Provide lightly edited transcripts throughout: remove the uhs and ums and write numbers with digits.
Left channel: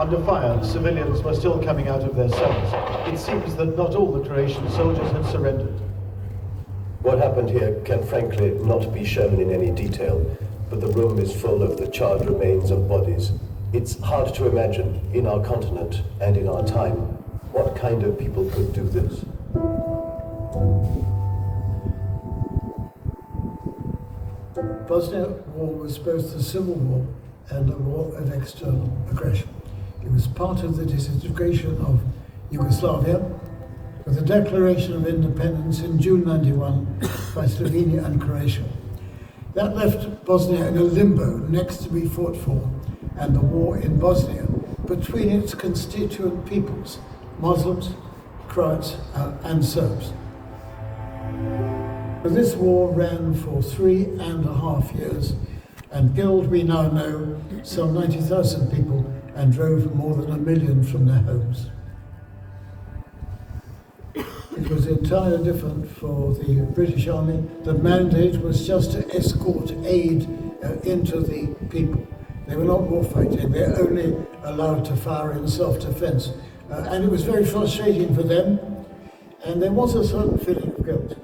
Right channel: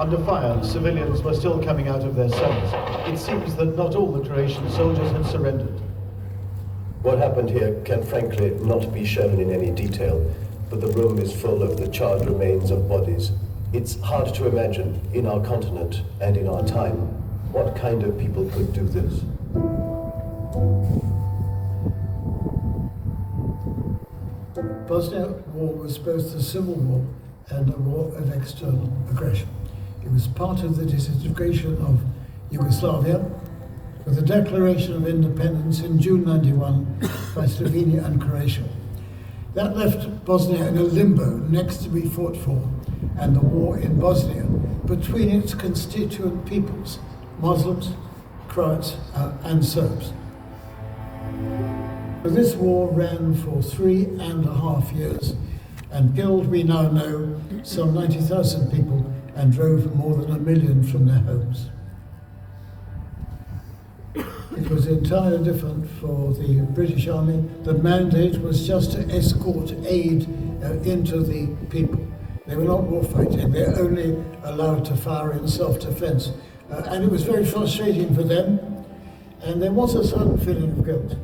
Under fire, civilians were still coming out of their cells. It seems that not all the Croatian soldiers had surrendered. What happened here can frankly not be shown in any detail, but the room is full of the charred remains of bodies. It's hard to imagine, in our continent and in our time, what kind of people could do this. Bosnia War was both a civil war and a war of external aggression. It was part of the disintegration of Yugoslavia, with the declaration of independence in June '91 by Slovenia and Croatia. That left Bosnia in a limbo next to be fought for, and the war in Bosnia between its constituent peoples, Muslims, Croats and Serbs. This war ran for 3.5 years and killed, we now know, some 90,000 people and drove more than 1 million from their homes. It was entirely different for the British Army. The mandate was just to escort aid into the people. They were not war fighting, they were only allowed to fire in self-defense. And it was very frustrating for them, and there was a certain feeling of guilt.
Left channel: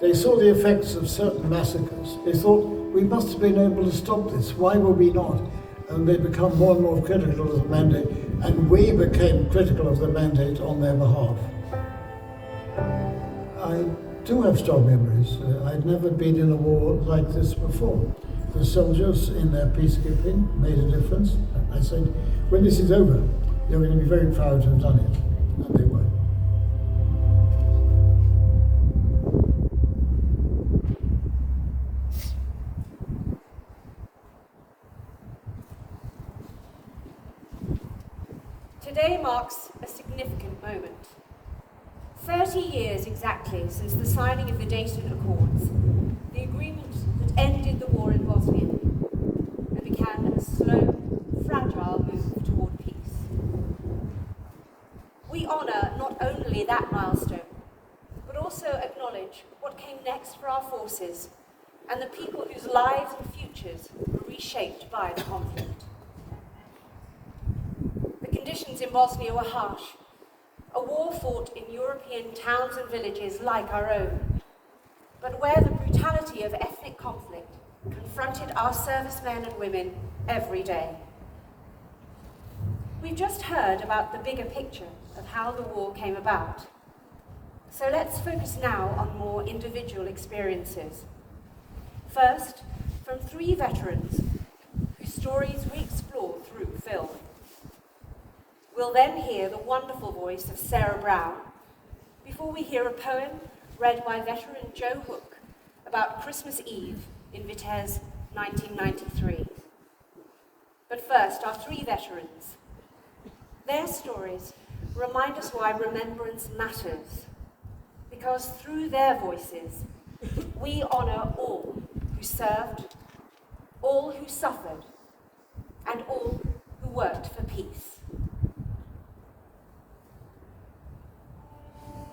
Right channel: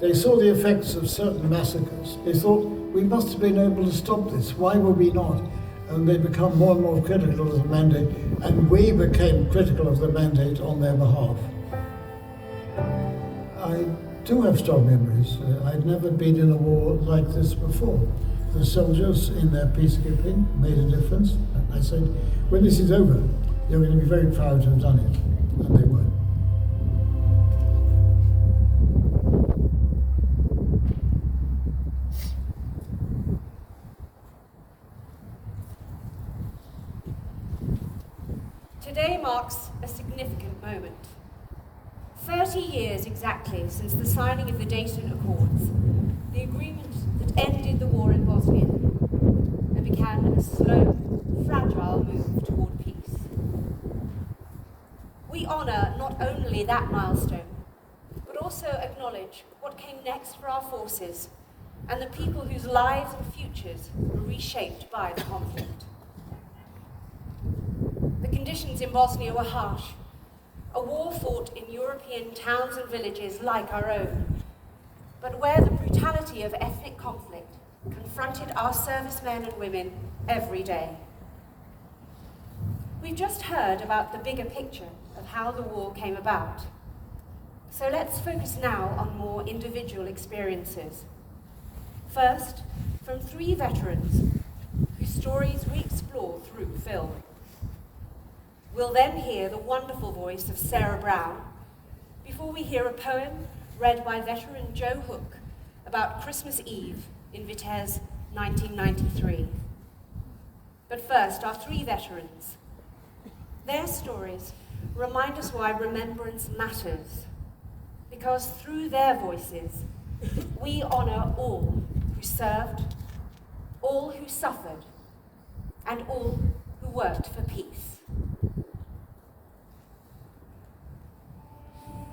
They saw the effects of certain massacres. They thought, we must have been able to stop this, why were we not? And they become more and more critical of the mandate, and we became critical of the mandate on their behalf. I do have strong memories. I'd never been in a war like this before. The soldiers in their peacekeeping made a difference. I said, when this is over, you're going to be very proud to have done it. And they were. Today marks a significant moment. 30 years exactly since the signing of the Dayton Accords, the agreement that ended the war in Bosnia and began a slow, fragile move toward peace. We honour not only that milestone, but also acknowledge what came next for our forces and the people whose lives and futures were reshaped by the conflict. The conditions in Bosnia were harsh. A war fought in European towns and villages like our own, but where the brutality of ethnic conflict confronted our servicemen and women every day. We've just heard about the bigger picture of how the war came about. So let's focus now on more individual experiences. First, from 3 veterans whose stories we explore through film. We'll then hear the wonderful voice of Sarah Brown, before we hear a poem read by veteran Joe Hook about Christmas Eve in Vitez, 1993. But first, our 3 veterans. Their stories remind us why remembrance matters, because through their voices, we honour all who served, all who suffered, and all who worked for peace.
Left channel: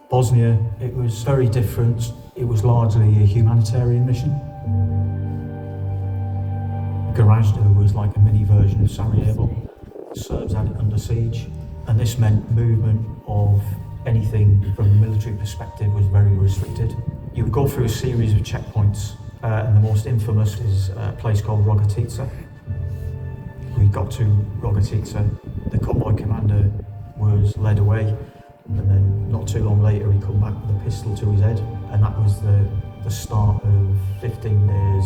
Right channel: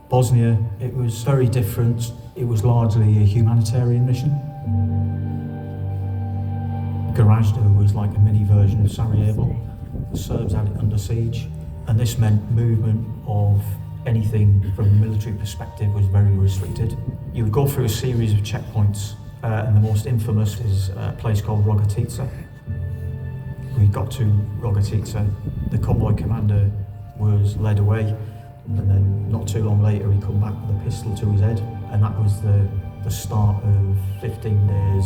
Bosnia, it was very different. It was largely a humanitarian mission. Gorazda was like a mini version of Sarajevo. The Serbs had it under siege, and this meant movement of anything from a military perspective was very restricted. You would go through a series of checkpoints, and the most infamous is a place called Rogatica. We got to Rogatica, the convoy commander was led away, and then not too long later he come back with a pistol to his head, and that was the start of 15 days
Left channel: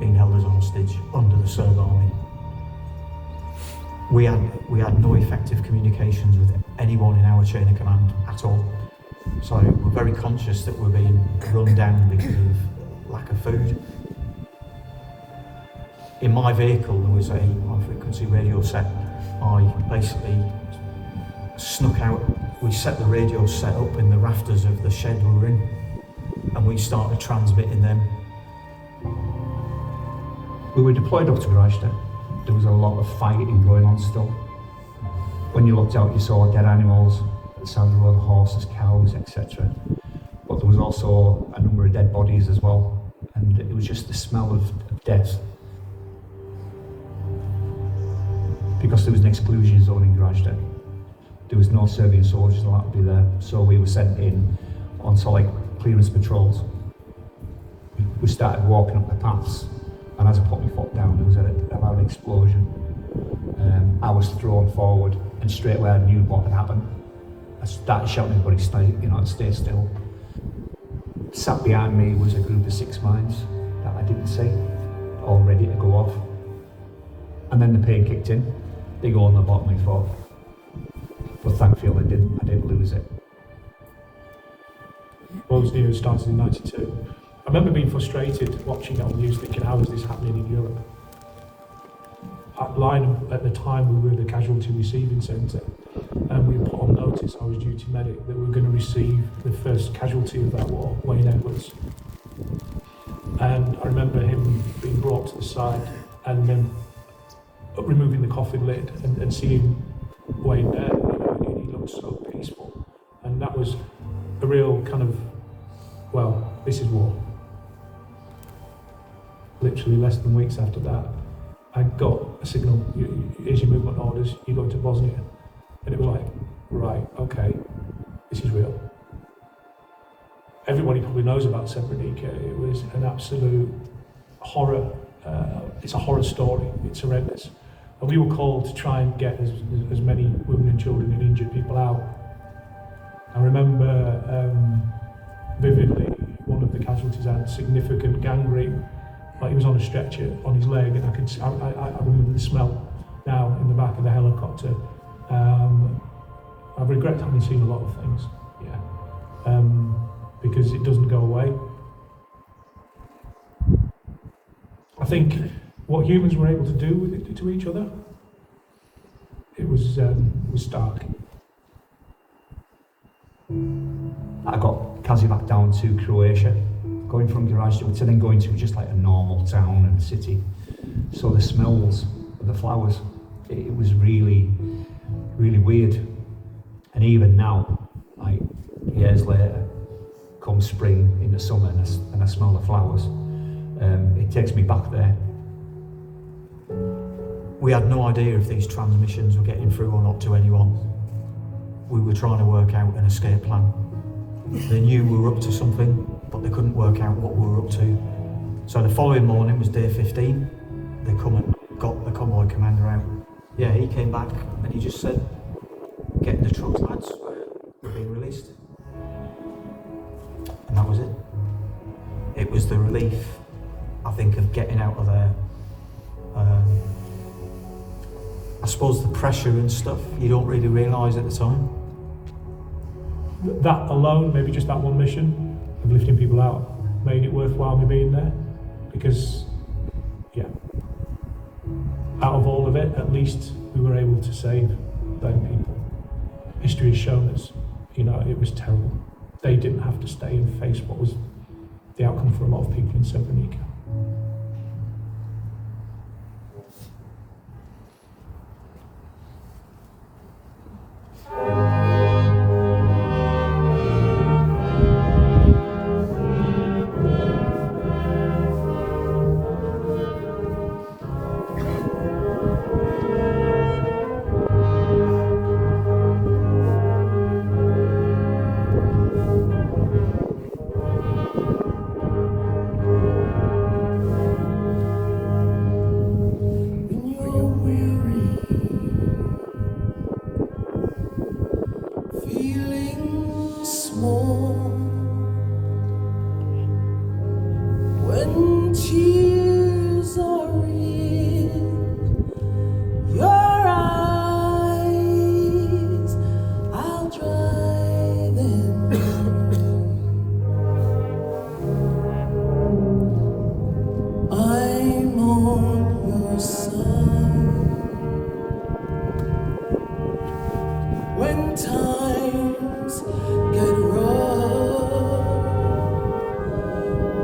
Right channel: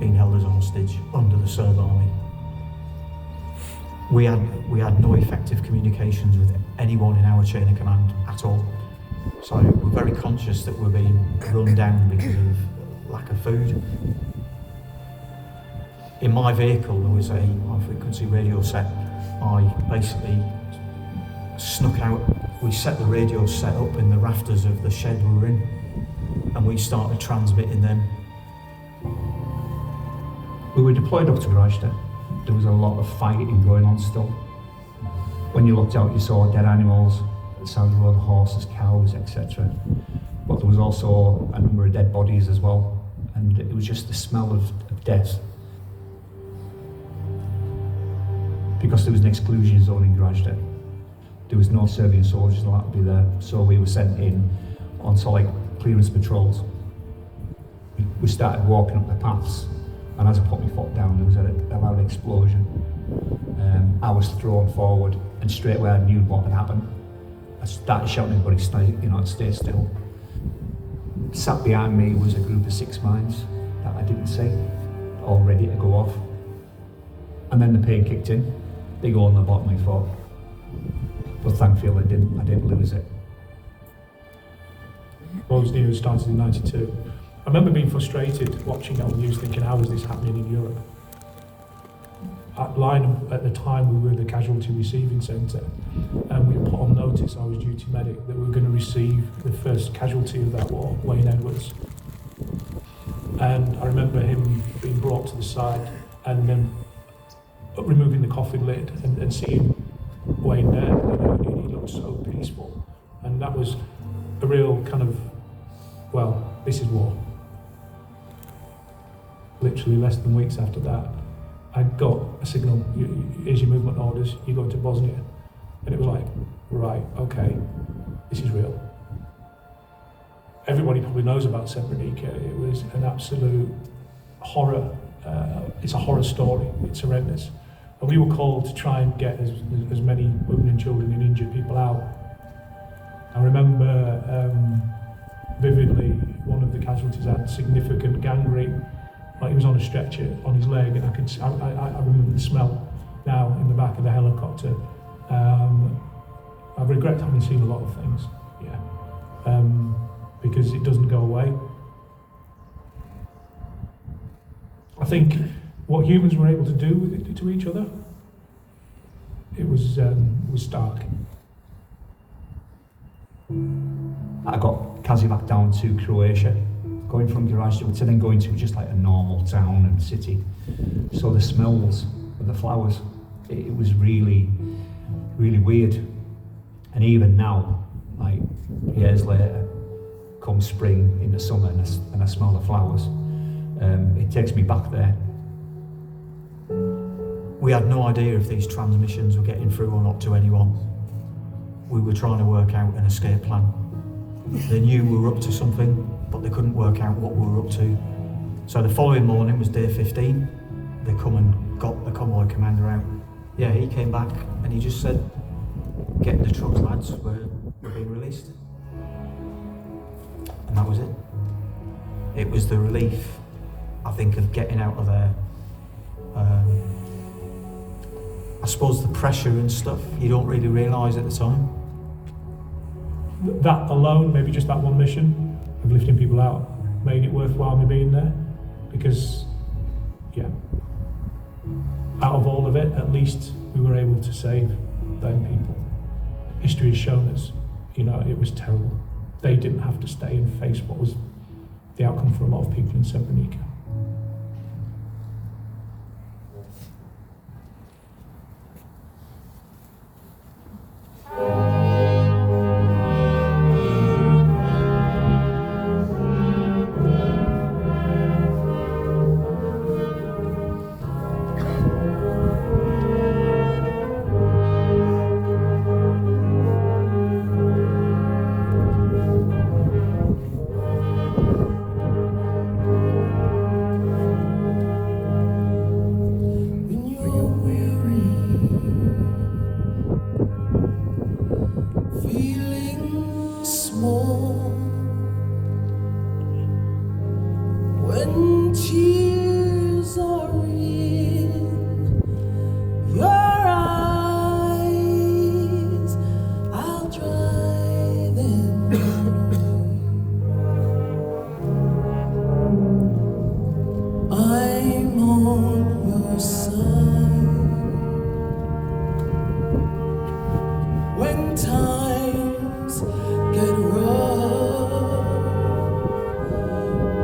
being held as a hostage under the Serb army. We had no effective communications with anyone in our chain of command at all. So we're very conscious that we're being run down because of lack of food. In my vehicle there was a high-frequency radio set. I basically snuck out. We set the radio set up in the rafters of the shed we were in, and we started transmitting them. We were deployed up to Gorazda. There was a lot of fighting going on still. When you looked out, you saw dead animals, the sound of other horses, cows, etc. But there was also a number of dead bodies as well, and it was just the smell of death. because there was an exclusion zone in Grajda. There was no Serbian soldiers allowed to be there, so we were sent in onto like clearance patrols. We started walking up the paths, and as I put my foot down, there was a loud explosion. I was thrown forward, and straight away I knew what had happened. I started shouting at everybody, stay still. Sat behind me was a group of 6 mines that I didn't see, all ready to go off. And then the pain kicked in, big hole in the bottom of my foot. But thankfully I didn't lose it. Bosnia started in '92. I remember being frustrated watching it on the news, thinking, how is this happening in Europe? At the time, we were the casualty receiving centre, and we put on notice, I was duty medic, that we were going to receive the first casualty of that war, Wayne Edwards. And I remember him being brought to the side and then removing the coffin lid and seeing Wayne there. He looked so peaceful, and that was a real kind of, well, this is war. Literally less than weeks after that, I got a signal, here's your movement orders, you go to Bosnia. And it was like, right, okay, this is real. Everybody probably knows about Srebrenica. It was an absolute horror. It's a horror story, it's horrendous. And we were called to try and get as many women and children and injured people out. I remember vividly, one of the casualties had significant gangrene. Like he was on a stretcher on his leg, and I remember the smell now in the back of the helicopter. I regret having seen a lot of things, because it doesn't go away. I think what humans were able to do with it to each other, it was stark. I got Kazivac down to Croatia, going from Grajda to then going to just like a normal town and city. So the smells of the flowers, it was really, really weird. And even now, like years later, come spring in the summer and I smell the flowers, it takes me back there. We had no idea if these transmissions were getting through or not to anyone. We were trying to work out an escape plan. They knew we were up to something, but they couldn't work out what we were up to. So the following morning was day 15. They come and got the convoy commander out. Yeah, he came back and he just said, get in the trucks, lads, we're being released. And that was it. It was the relief, I think, of getting out of there. I suppose the pressure and stuff, you don't really realise at the time. That alone, maybe just that one mission of lifting people out, made it worthwhile me being there. Because, out of all of it, at least we were able to save them people. History has shown us, it was terrible. They didn't have to stay and face what was the outcome for a lot of people in Srebrenica. When times get rough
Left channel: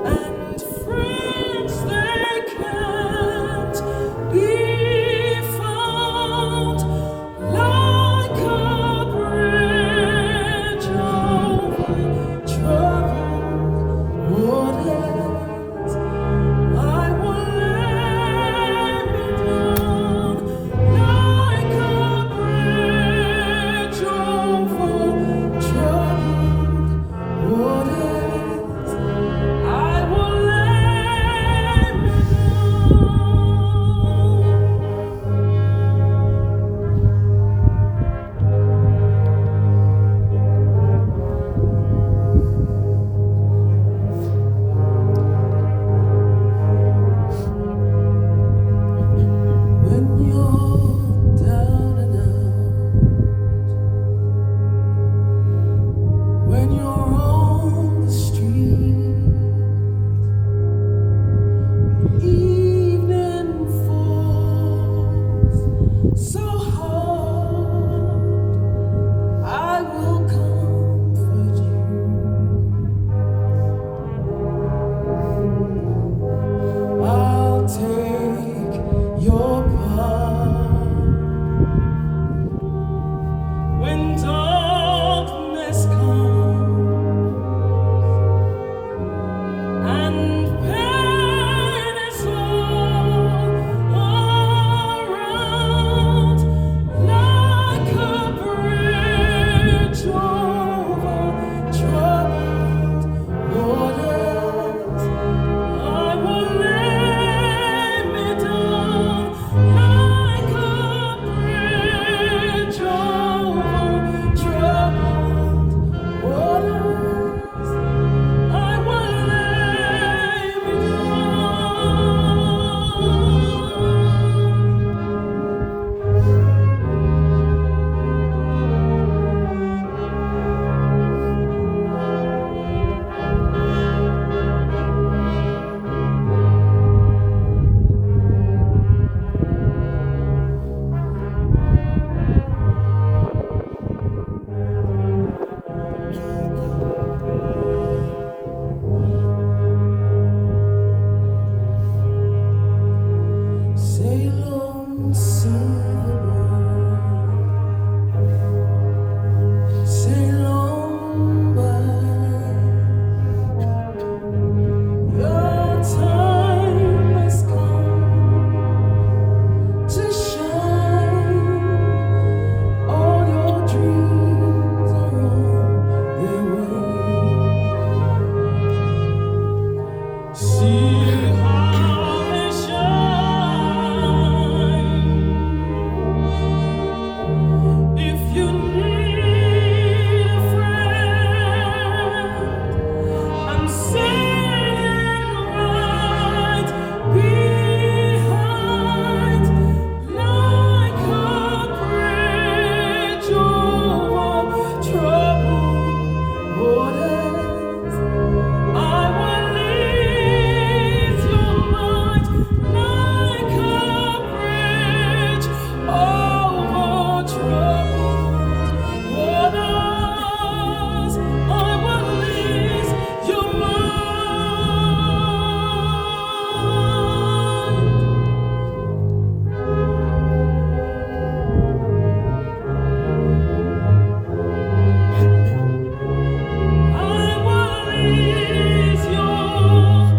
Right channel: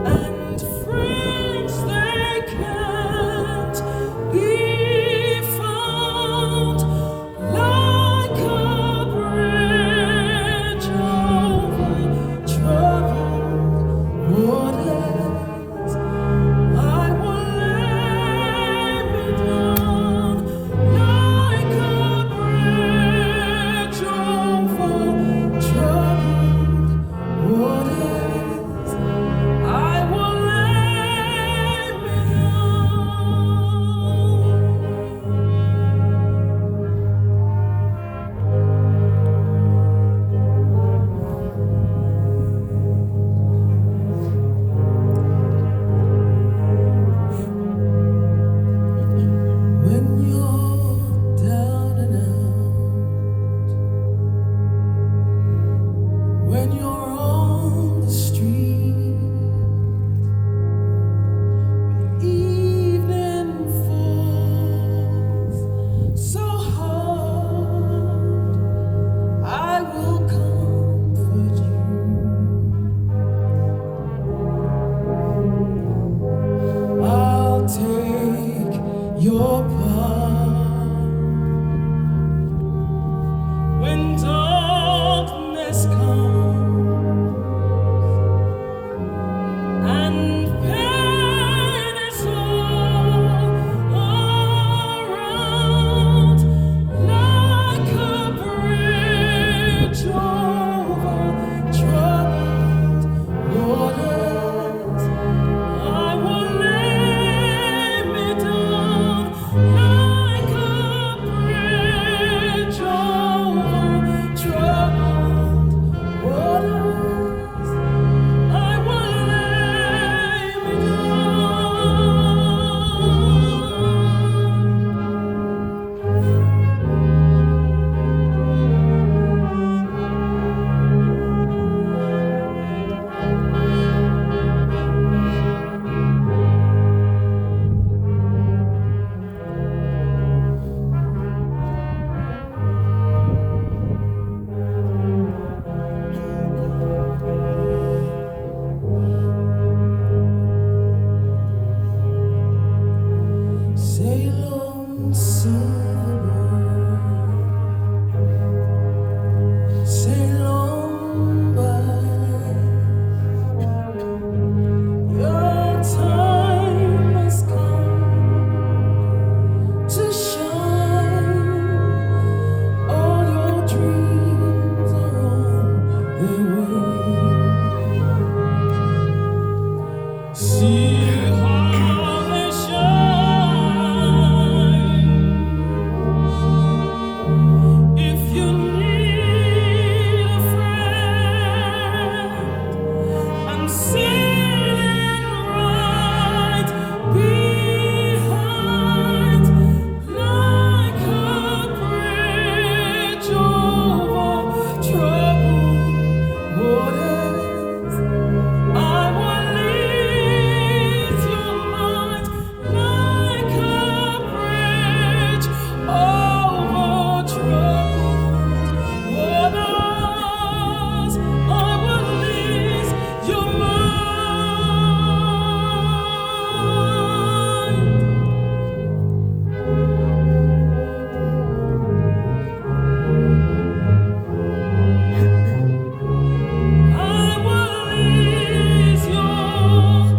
and friends waters. I will lay me down like a bridge over troubled waters. I will lay me down. Sail on, silver bird, sail on by. Your time has come to shine. All your dreams are on their way. See how they shine. If you need a friend, I'm sailing right behind, like a bridge over troubled waters. I will lead your mind like a bridge over troubled waters. I will lead your mind. I will ease your mind.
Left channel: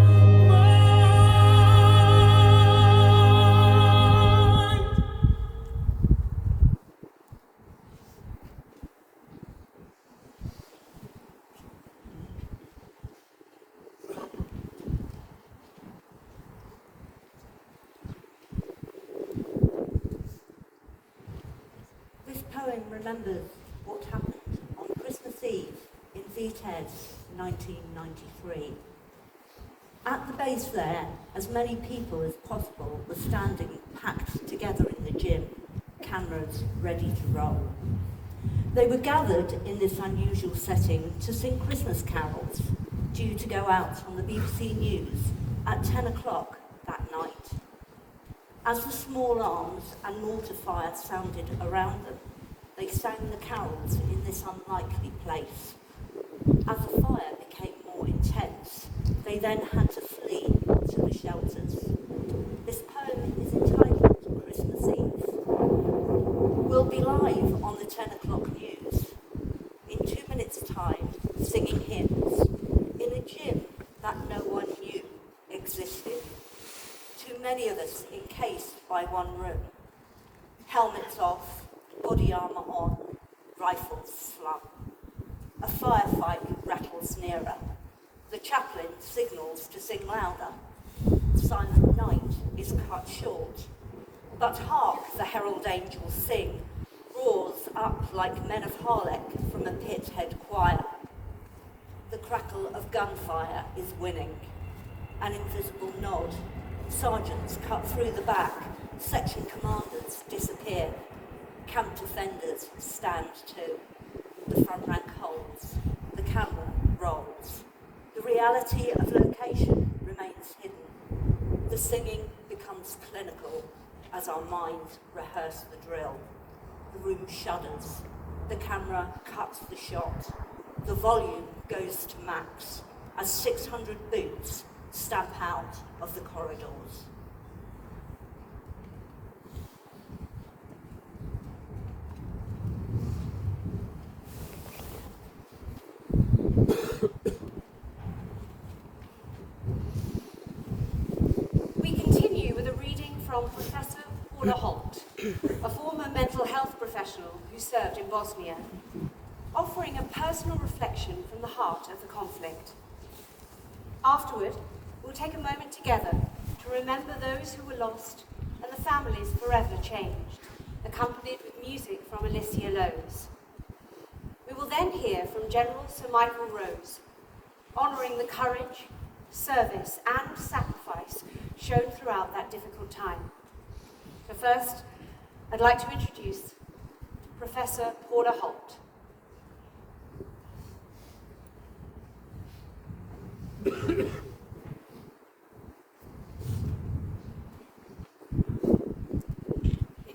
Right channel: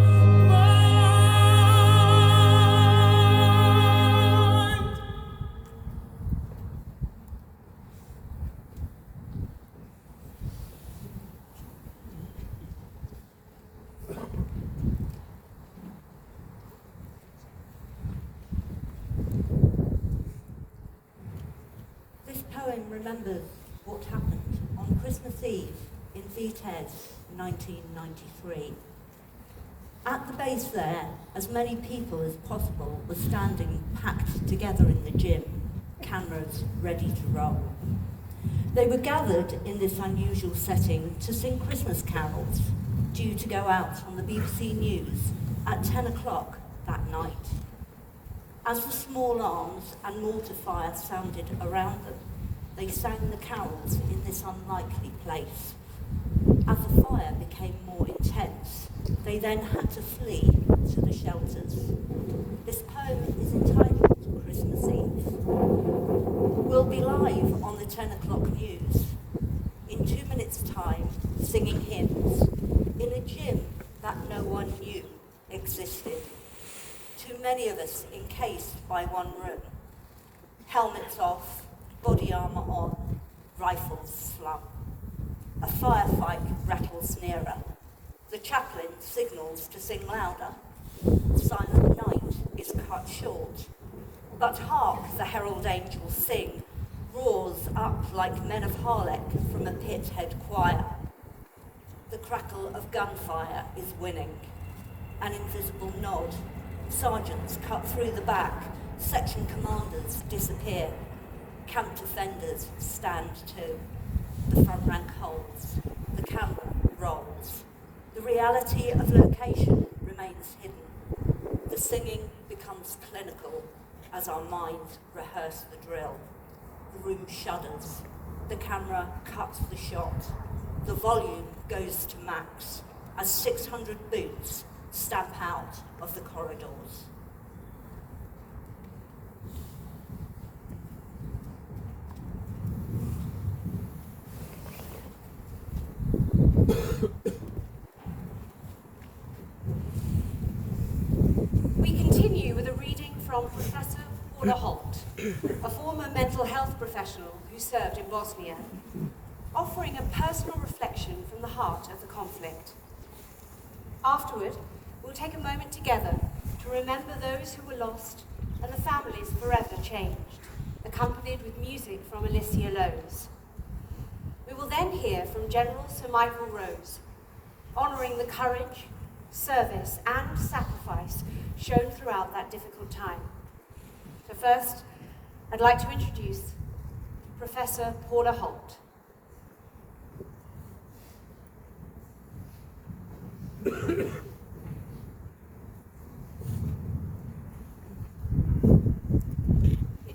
This poem remembers what happened on Christmas Eve in Pt1, 1993. At the base there, as many people as possible were standing packed together in the gym, cameras ready to roll. They were gathered in this unusual setting to sing Christmas carols, due to go out on the BBC News at 10 o'clock that night. As the small arms and mortar fire sounded around them, they sang the carols in this unlikely place. As the fire became more intense, they then had to flee to the shelters. This poem is entitled Christmas Eve. We'll be live on the 10 o'clock news in 2 minutes' time, singing hymns in a gym that no one knew existed. Too many of us encased by one room. Helmets off, body armour on, rifles slung. A firefight rattles nearer. The chaplain signals to sing louder. Silent night is cut short. But hark, the herald angels sing, roars up like men of Harlech from a pit head choir. The crackle of gunfire is winning. An invisible nod. Sergeants cut through the back. Section commanders disappear. Camp defenders stand too. The front rank holds. The camera rolls. The reality of location remains hidden. The singing becomes clinical as our minds rehearse the drill. The room shudders. The camera cuts the shot. The volume goes to max as 600 boots stamp out of the corridors. We continue with a reading from Professor Paula Holt, a former mental health professional who served in Bosnia, offering a personal reflection from the heart of the conflict. Afterward, we'll take a moment together to remember those who were lost and the families forever changed, accompanied with music from Alicia Lowe's. We will then hear from General Sir Michael Rose, honouring the courage, service and sacrifice shown throughout that difficult time. So first, I'd like to introduce Professor Paula Holt. In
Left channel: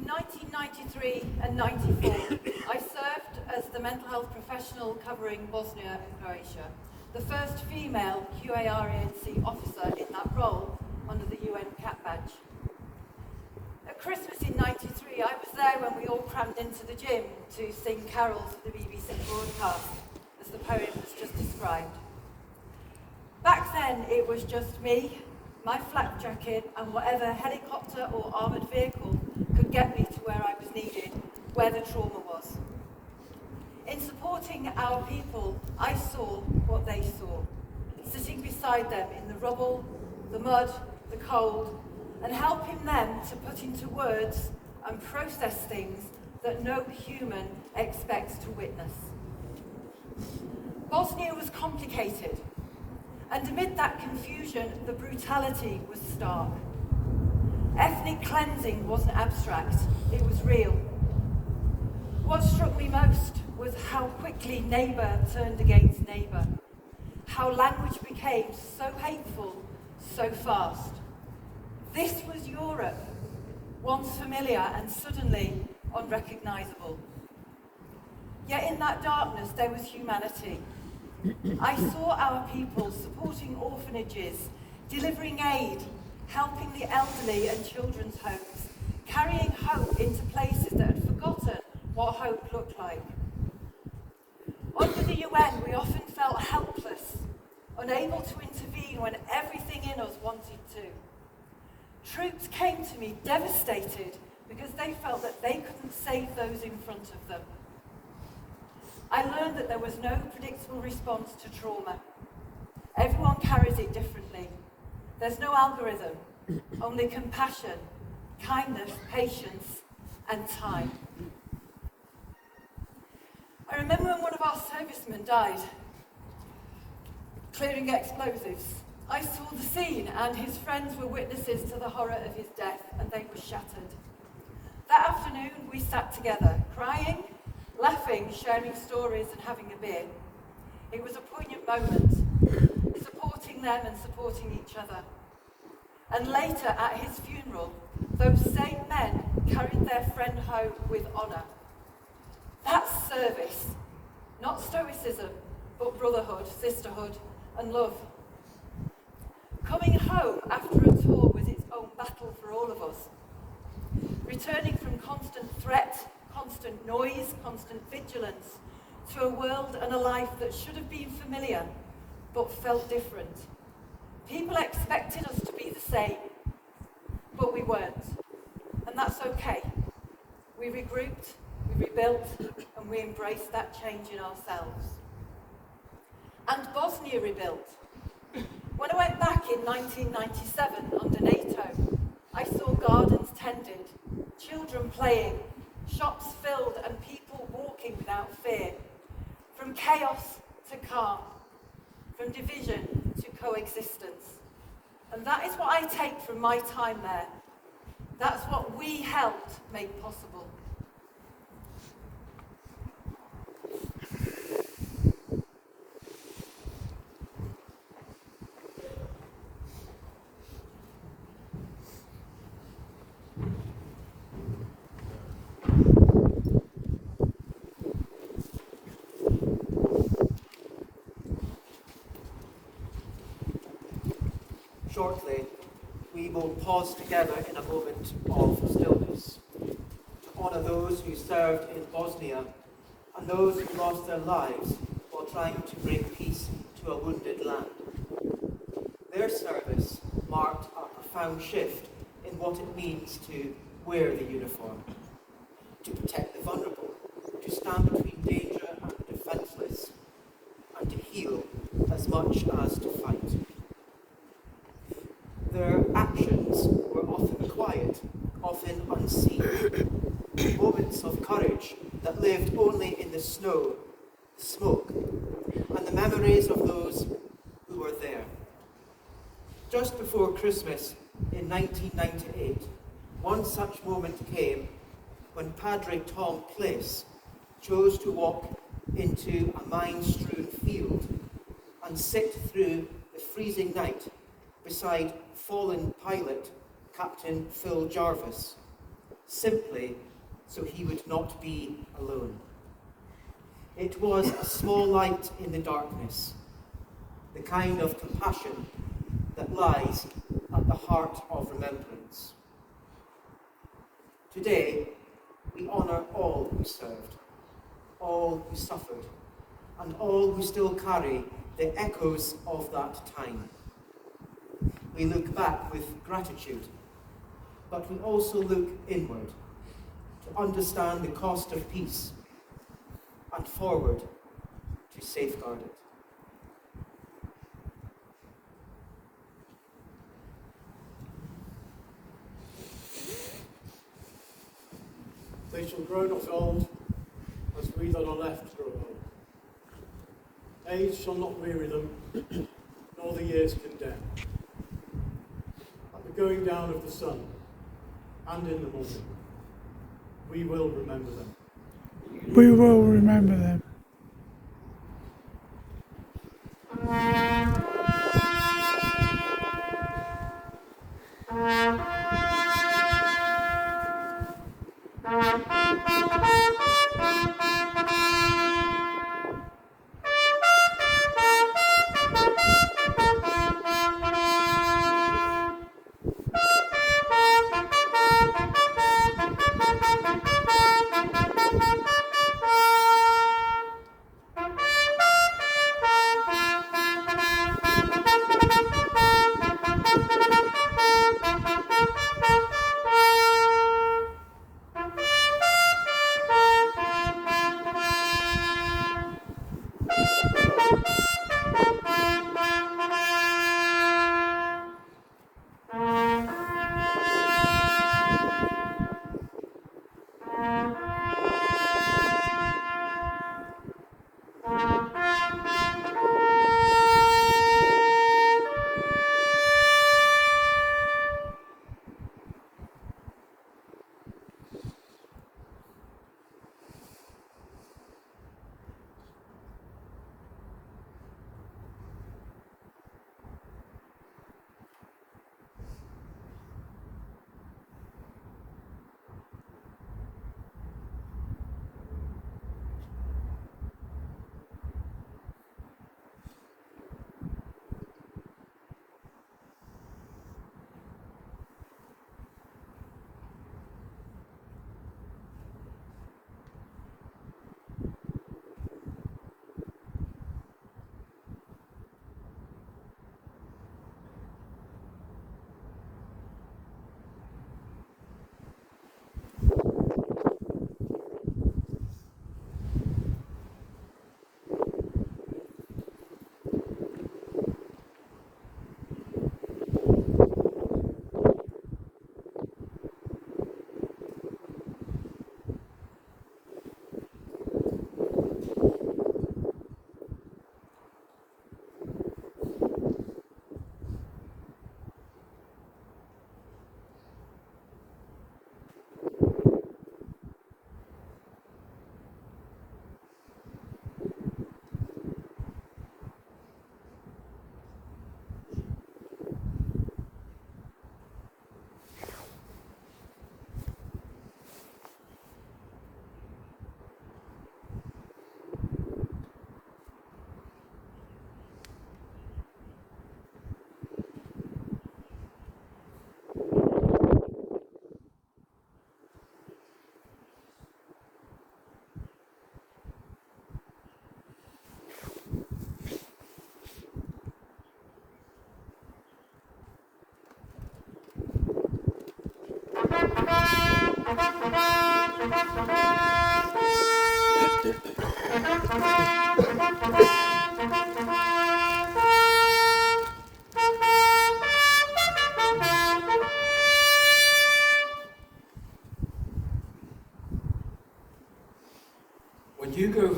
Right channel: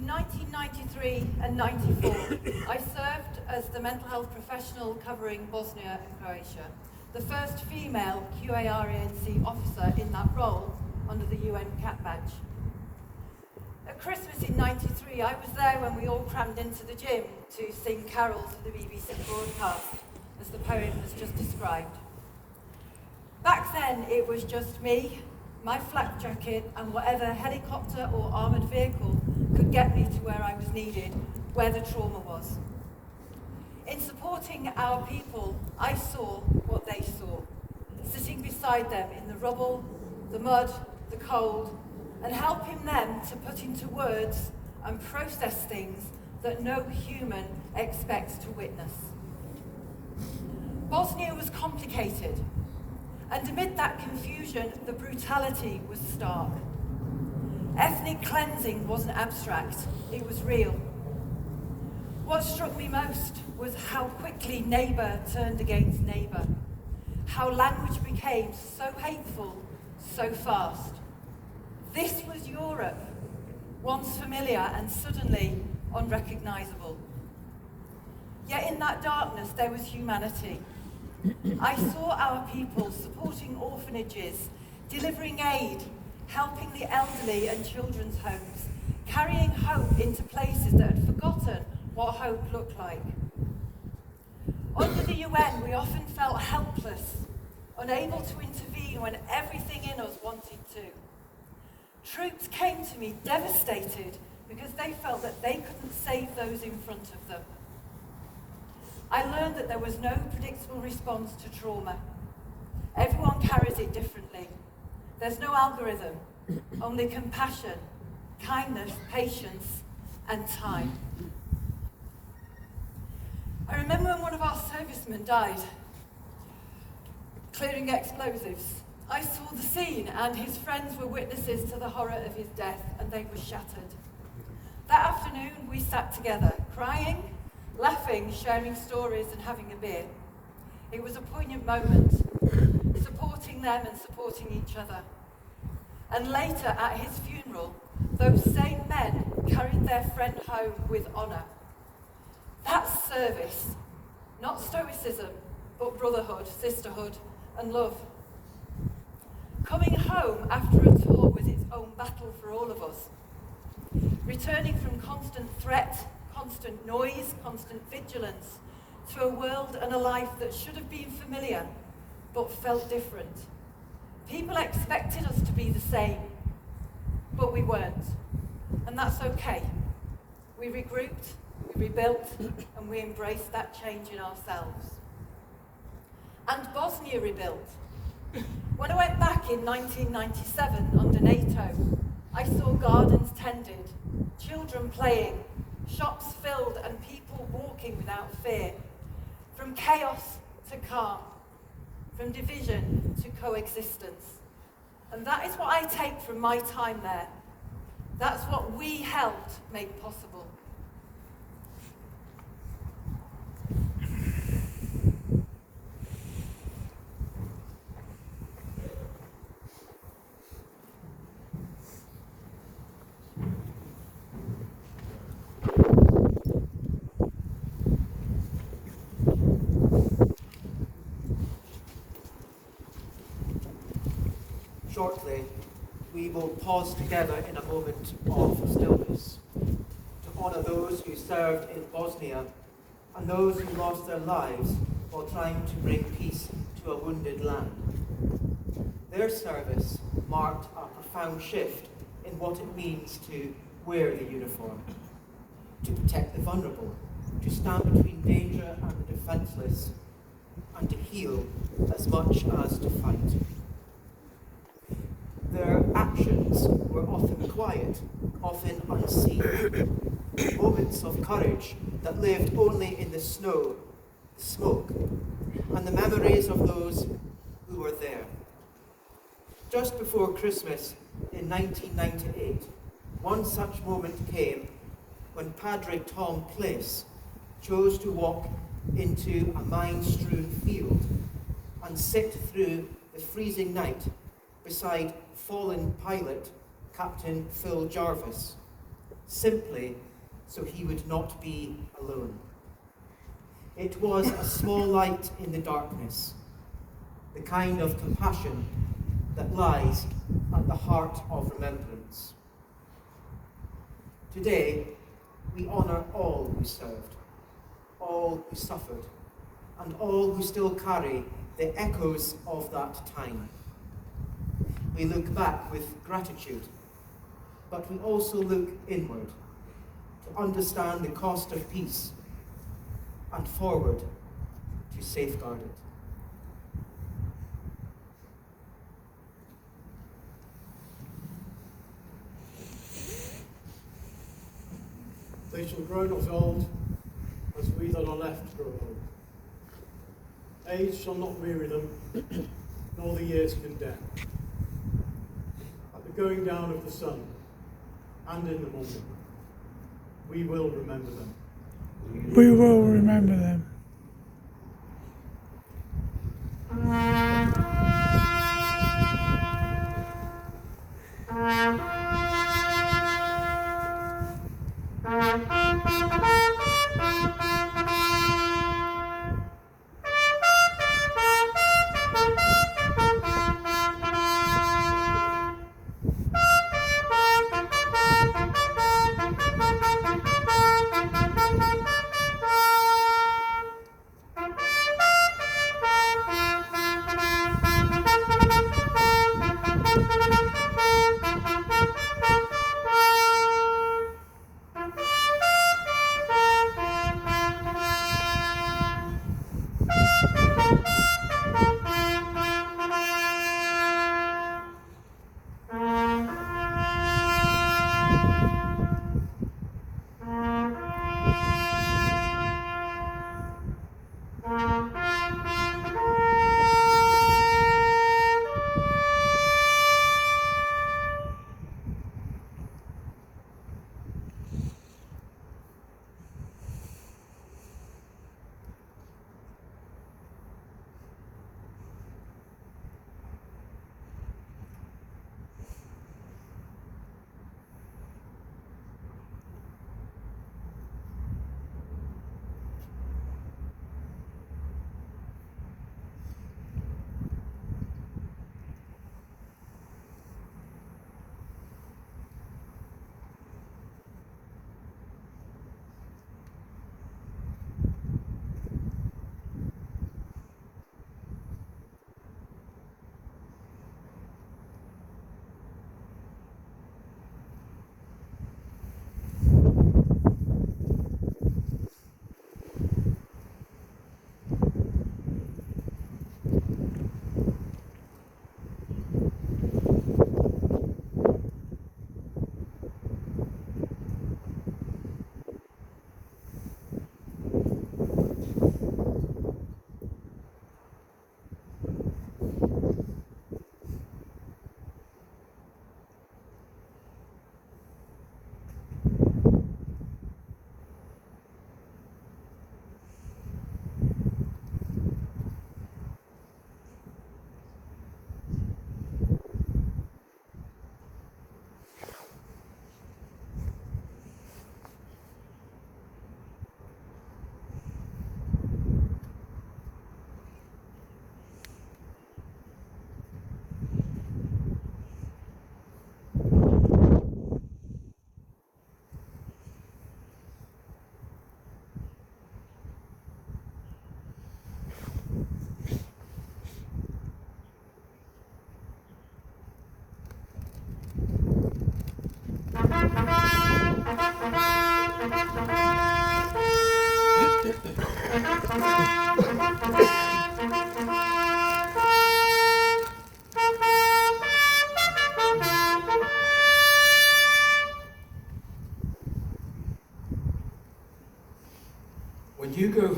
1993 and 94, I served as the mental health professional covering Bosnia and Croatia, the first female QARANC officer in that role under the UN CAT badge. At Christmas in 93, I was there when we all crammed into the gym to sing carols for the BBC broadcast, as the poem has just described. Back then, it was just me, my flak jacket, and whatever helicopter or armoured vehicle could get me to where I was needed, where the trauma was. In supporting our people, I saw what they saw, sitting beside them in the rubble, the mud, the cold, and helping them to put into words and process things that no human expects to witness. Bosnia was complicated, and amid that confusion, the brutality was stark. Ethnic cleansing wasn't abstract, it was real. What struck me most was how quickly neighbour turned against neighbour, how language became so hateful so fast. This was Europe, once familiar and suddenly unrecognisable. Yet in that darkness there was humanity. I saw our people supporting orphanages, delivering aid, helping the elderly and children's homes, carrying hope into places that had forgotten what hope looked like. Under the UN, we often felt helpless, unable to intervene when everything in us wanted to. Troops came to me devastated because they felt that they couldn't save those in front of them. I learned that there was no predictable response to trauma. Everyone carries it differently. There's no algorithm, only compassion, kindness, patience, and time. I remember when one of our servicemen died, clearing explosives. I saw the scene, and his friends were witnesses to the horror of his death, and they were shattered. That afternoon, we sat together, crying, laughing, sharing stories, and having a beer. It was a poignant moment, supporting them and supporting each other. And later, at his funeral, those same men carried their friend home with honour. That's service, not stoicism, but brotherhood, sisterhood, and love. Coming home after a tour was its own battle for all of us. Returning from constant threat, constant noise, constant vigilance, to a world and a life that should have been familiar, but felt different. People expected us to be the same, but we weren't. And that's okay. We regrouped, we rebuilt, and we embraced that change in ourselves. And Bosnia rebuilt. When I went back in 1997 under NATO, I saw gardens tended, children playing, shops filled, and people walking without fear. From chaos to calm, from division to coexistence. And that is what I take from my time there. That's what we helped make possible. Shortly, we will pause together in a moment of stillness to honour those who served in Bosnia and those who lost their lives while trying to bring peace to a wounded land. Their service marked a profound shift in what it means to wear the uniform, to protect the vulnerable, to stand between danger and the defenceless, and to heal as much as to fight. quiet, often unseen. Moments of courage that lived only in the snow, the smoke, and the memories of those who were there. Just before Christmas in 1998, one such moment came when Padre Tom Place chose to walk into a mine-strewn field and sit through the freezing night beside fallen pilot Captain Phil Jarvis, simply so he would not be alone. It was a small light in the darkness, the kind of compassion that lies at the heart of remembrance. Today, we honour all who served, all who suffered, and all who still carry the echoes of that time. We look back with gratitude, but we also look inward to understand the cost of peace and forward to safeguard it. They shall grow not old, as we that are left grow old. Age shall not weary them, nor the years condemn. At the going down of the sun, and in the morning, we will remember them. We will remember them.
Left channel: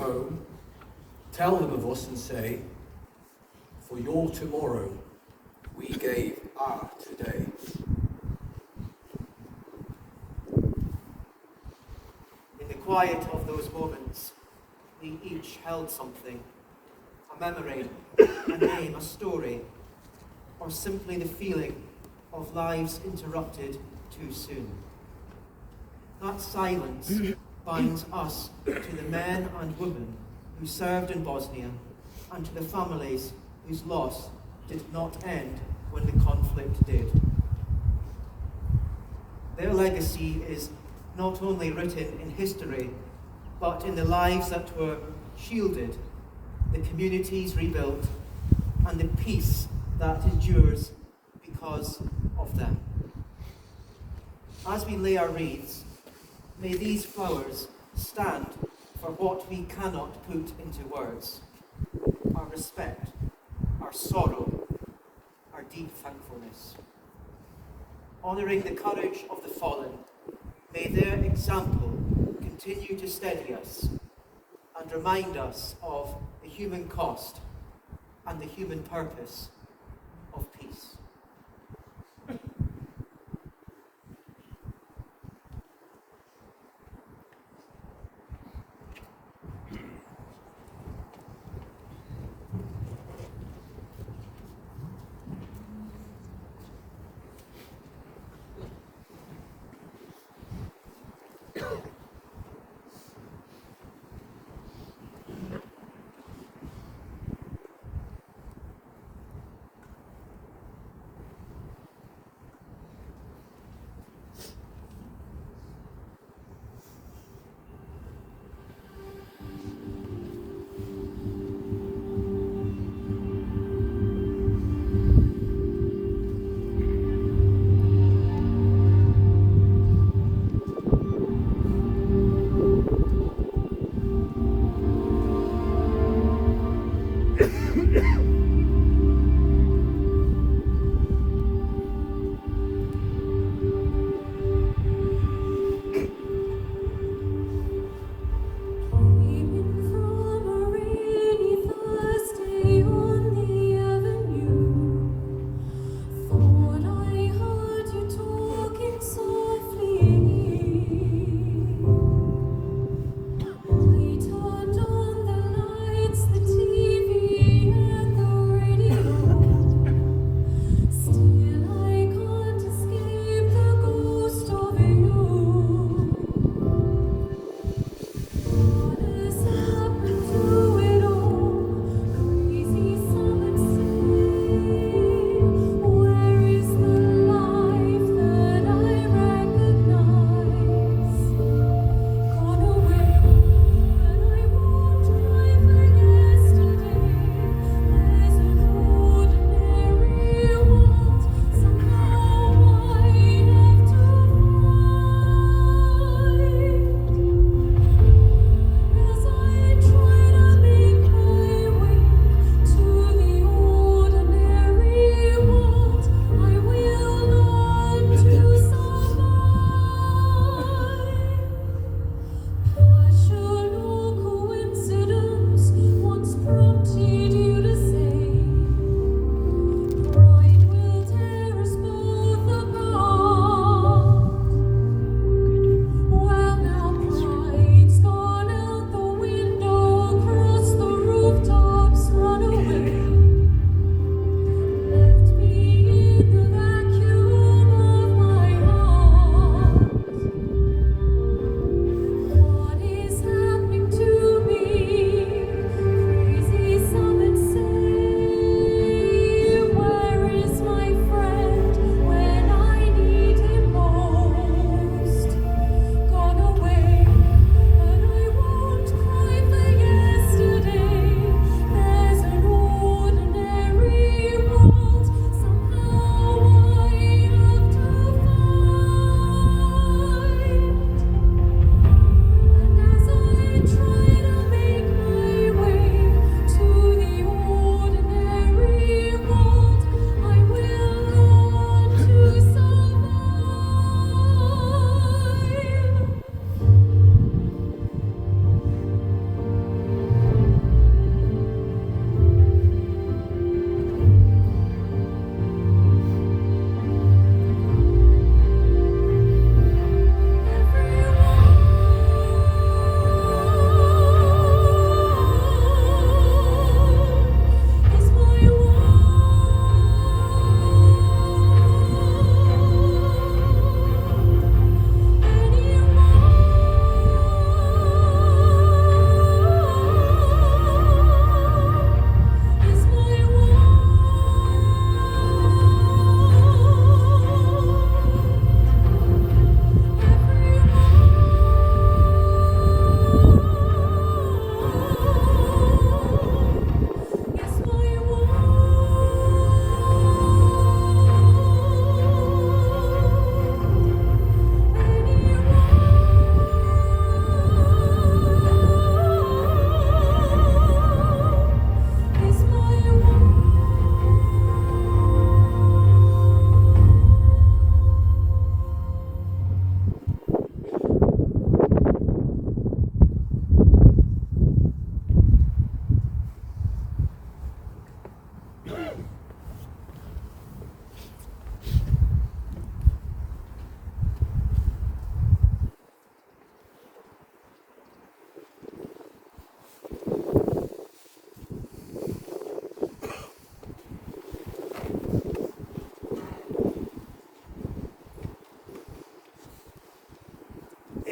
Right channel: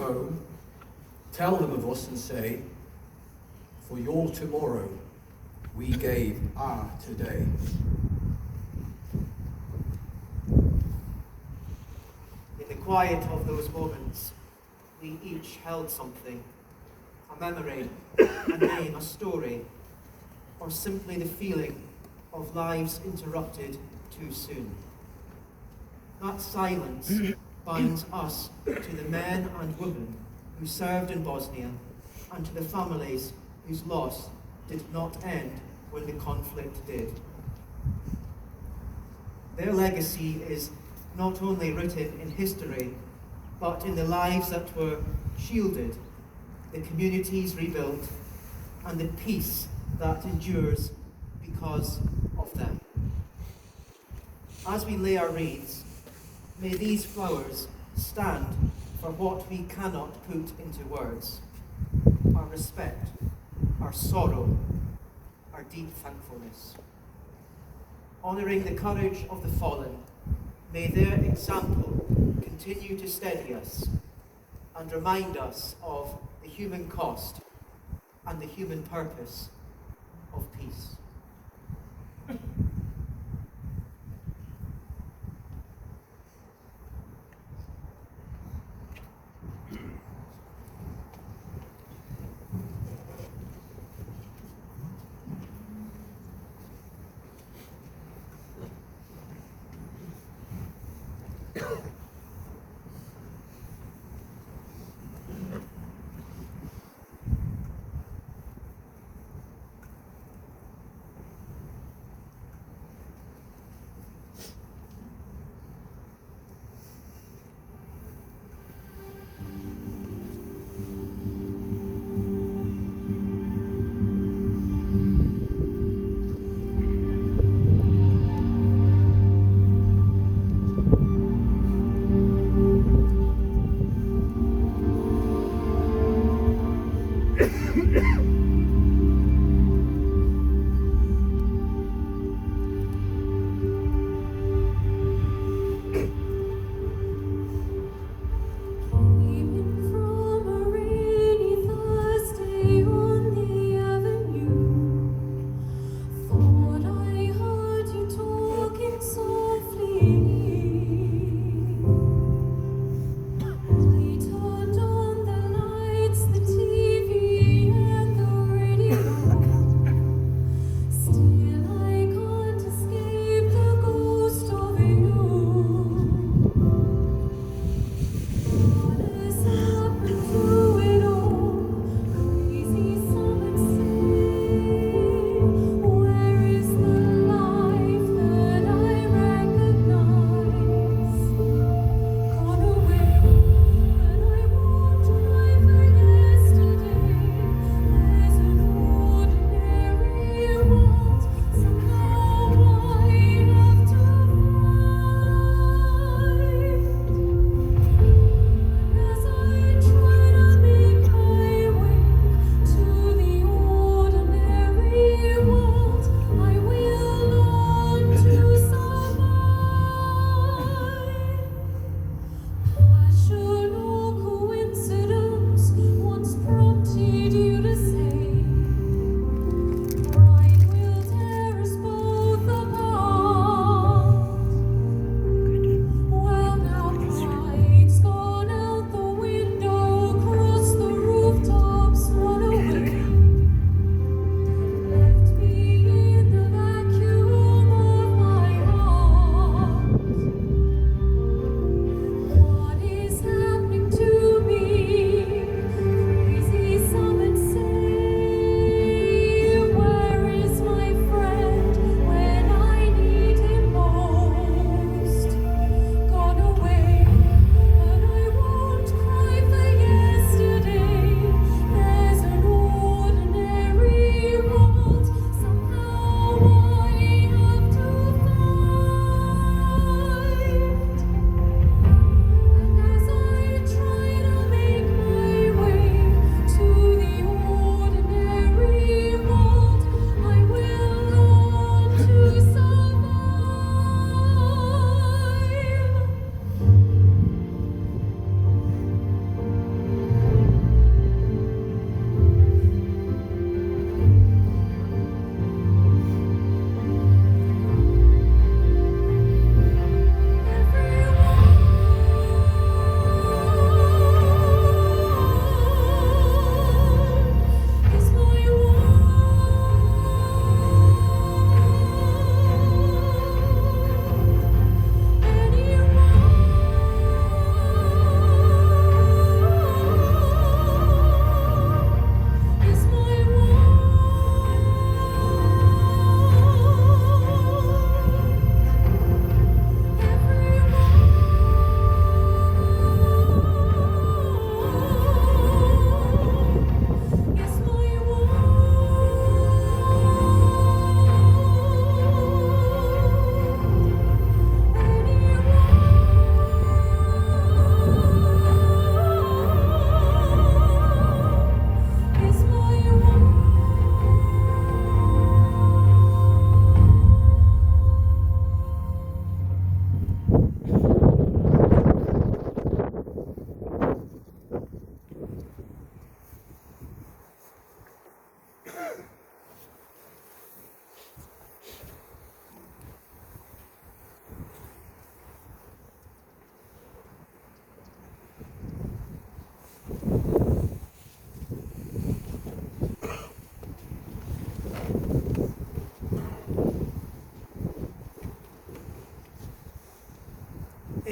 go, tell them of us and say, for your tomorrow, we gave our today. In the quiet of those moments, we each held something, a memory, a name, a story, or simply the feeling of lives interrupted too soon. That silence binds us to the men and women who served in Bosnia and to the families whose loss did not end when the conflict did. Their legacy is not only written in history, but in the lives that were shielded, the communities rebuilt, and the peace that endures because of them. As we lay our wreaths, may these flowers stand for what we cannot put into words: our respect, our sorrow, our deep thankfulness. Honouring the courage of the fallen, may their example continue to steady us and remind us of the human cost and the human purpose of peace.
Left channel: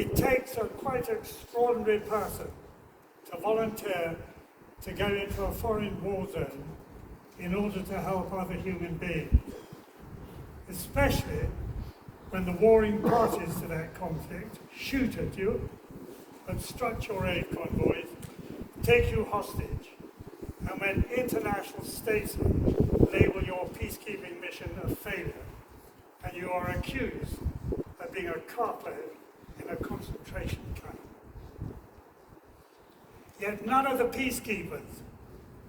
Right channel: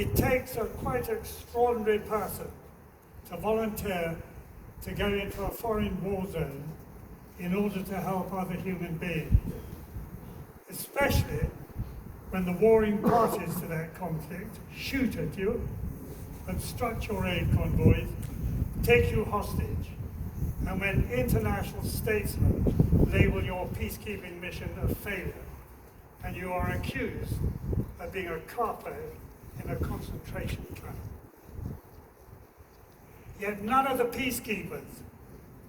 It takes a quite extraordinary person to volunteer to go into a foreign war zone in order to help other human beings, especially when the warring parties to that conflict shoot at you, obstruct your aid convoys, take you hostage, and when international statesmen label your peacekeeping mission a failure, and you are accused of being a capo in a concentration camp. Yet none of the peacekeepers,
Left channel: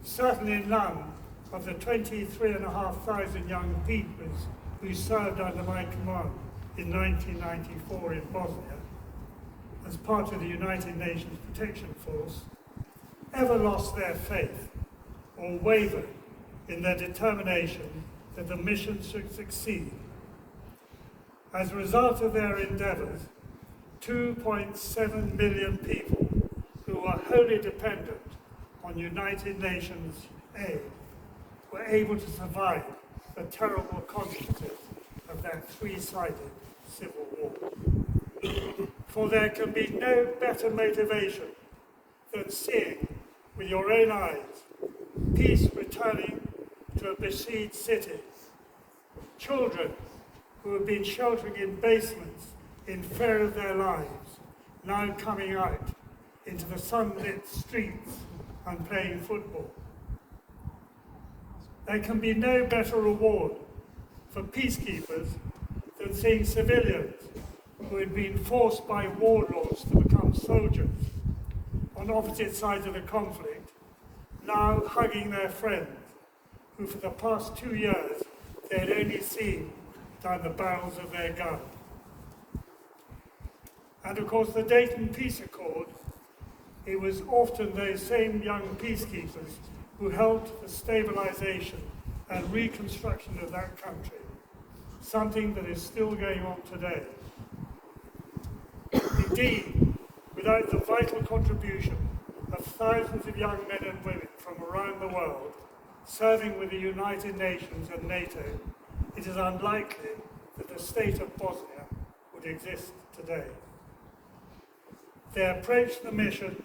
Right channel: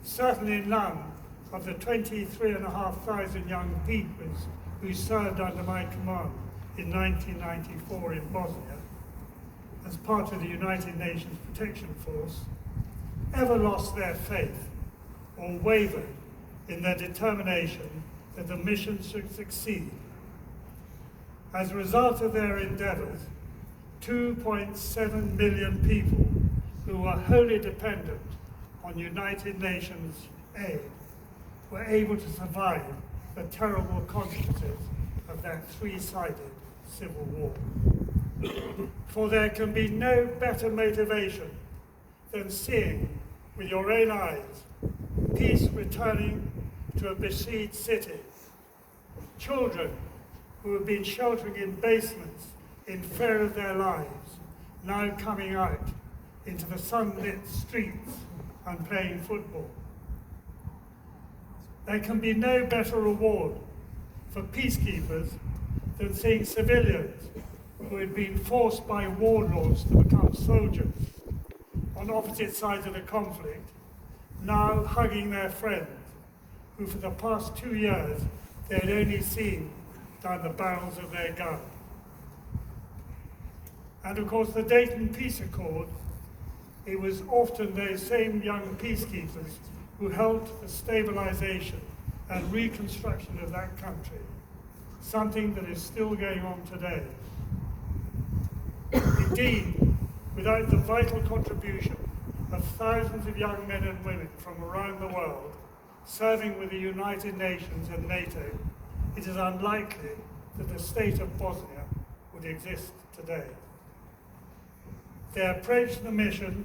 certainly none of the 23,500 young people who served under my command in 1994 in Bosnia, as part of the United Nations Protection Force, ever lost their faith or wavered in their determination that the mission should succeed. As a result of their endeavours, 2.7 million people who were wholly dependent on United Nations aid were able to survive the terrible consequences of that three-sided civil war. For there can be no better motivation than seeing with your own eyes peace returning to a besieged city, children who have been sheltering in basements in fear of their lives, now coming out into the sunlit streets and playing football. There can be no better reward for peacekeepers than seeing civilians who had been forced by warlords to become soldiers on opposite sides of the conflict, now hugging their friends who for the past 2 years they had only seen down the barrels of their guns. And of course the Dayton Peace Accord, it was often those same young peacekeepers who helped the stabilization and reconstruction of that country, something that is still going on today. Indeed, without the vital contribution of thousands of young men and women from around the world serving with the United Nations and NATO, it is unlikely that the state of Bosnia would exist today. They approached the mission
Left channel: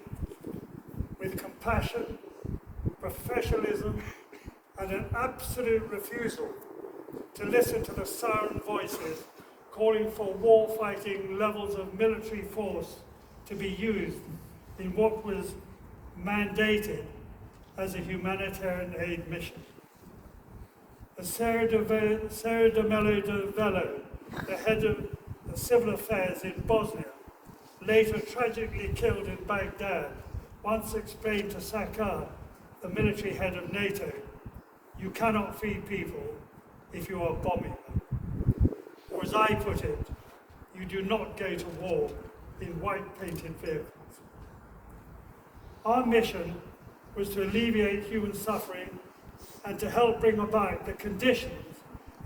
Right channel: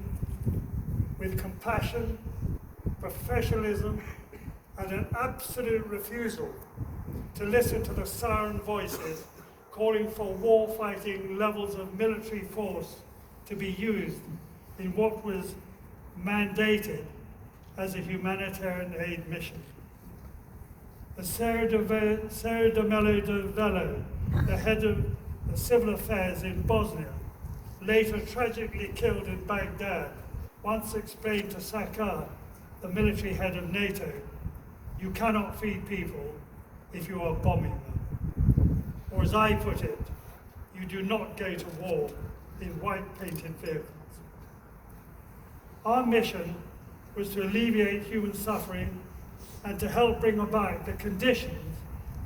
with compassion, professionalism, and an absolute refusal to listen to the siren voices calling for war-fighting levels of military force to be used in what was mandated as a humanitarian aid mission. Sarah de Mello de Vello, the head of the civil affairs in Bosnia, later tragically killed in Baghdad, once explained to Sakar, the military head of NATO, "You cannot feed people if you are bombing them." Or as I put it, you do not go to war in white-painted vehicles. Our mission was to alleviate human suffering and to help bring about the conditions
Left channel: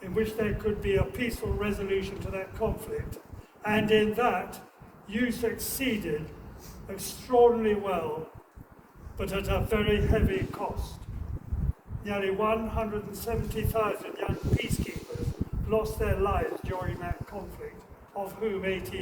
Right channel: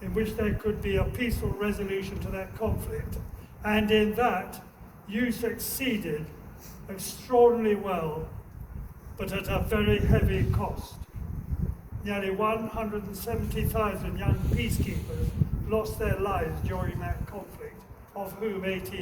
in which there could be a peaceful resolution to that conflict. And in that, you succeeded extraordinarily well, but at a very heavy cost. Nearly 170,000 young peacekeepers lost their lives during that conflict, of whom 18